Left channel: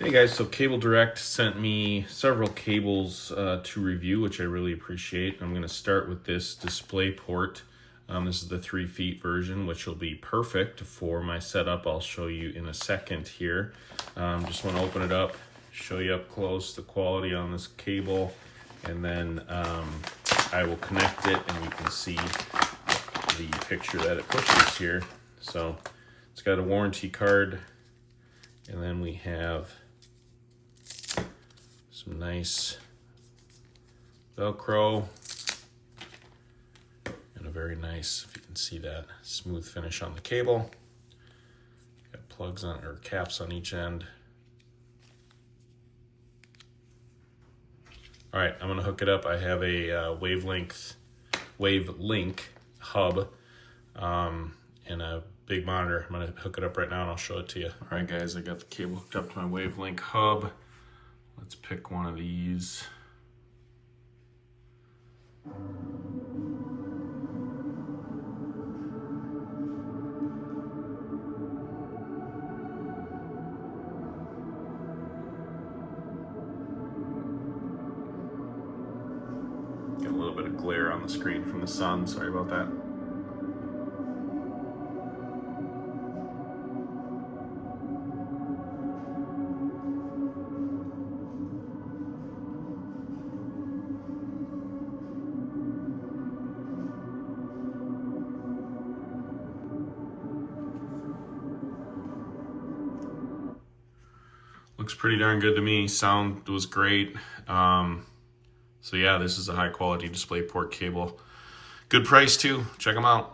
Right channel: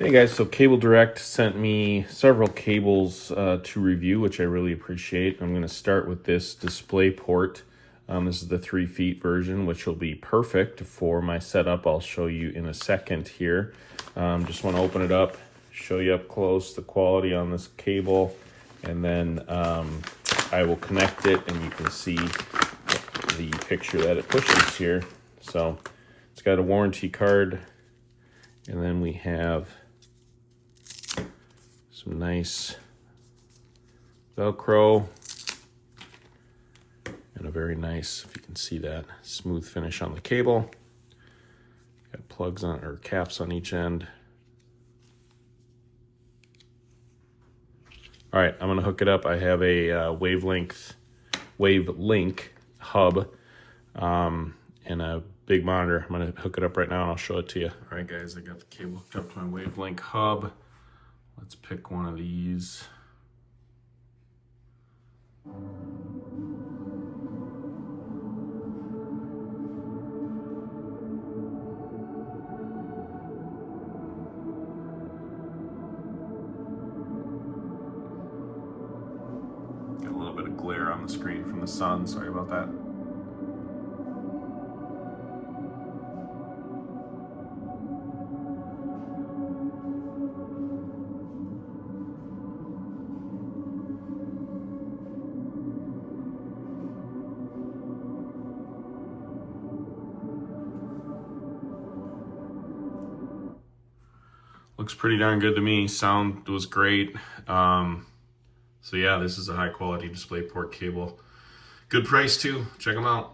Hey guys, so CableDirect sent me several cables to review, which I really appreciate. I'm going to start with this DisplayPort. This is the 3 feet version, which will be perfect for my setup. I'll show you in a second here. Just want to open it up, show you up close the quality on this cable, and then I will connect it and you can see the picture that it pushes here. So it's got a warranty card, and then we have some nice Velcro and a very nice, if you can see that, smooth finish on the cable. Got plugs on, or caps on each end. All right, I'm gonna hook it up. I have a WaveLink hub and a big monitor. I'm gonna hook it up right now and I'll show it to you. All right guys, I got the cable hooked up to my WaveLink hub. Let's pick one of these. Got a little bit of glare on the screen from the sun, sorry about that. Looks pretty darn good to me. Sound was great. So yeah, this is a high quality DisplayPort cable. Good price too. Check them out.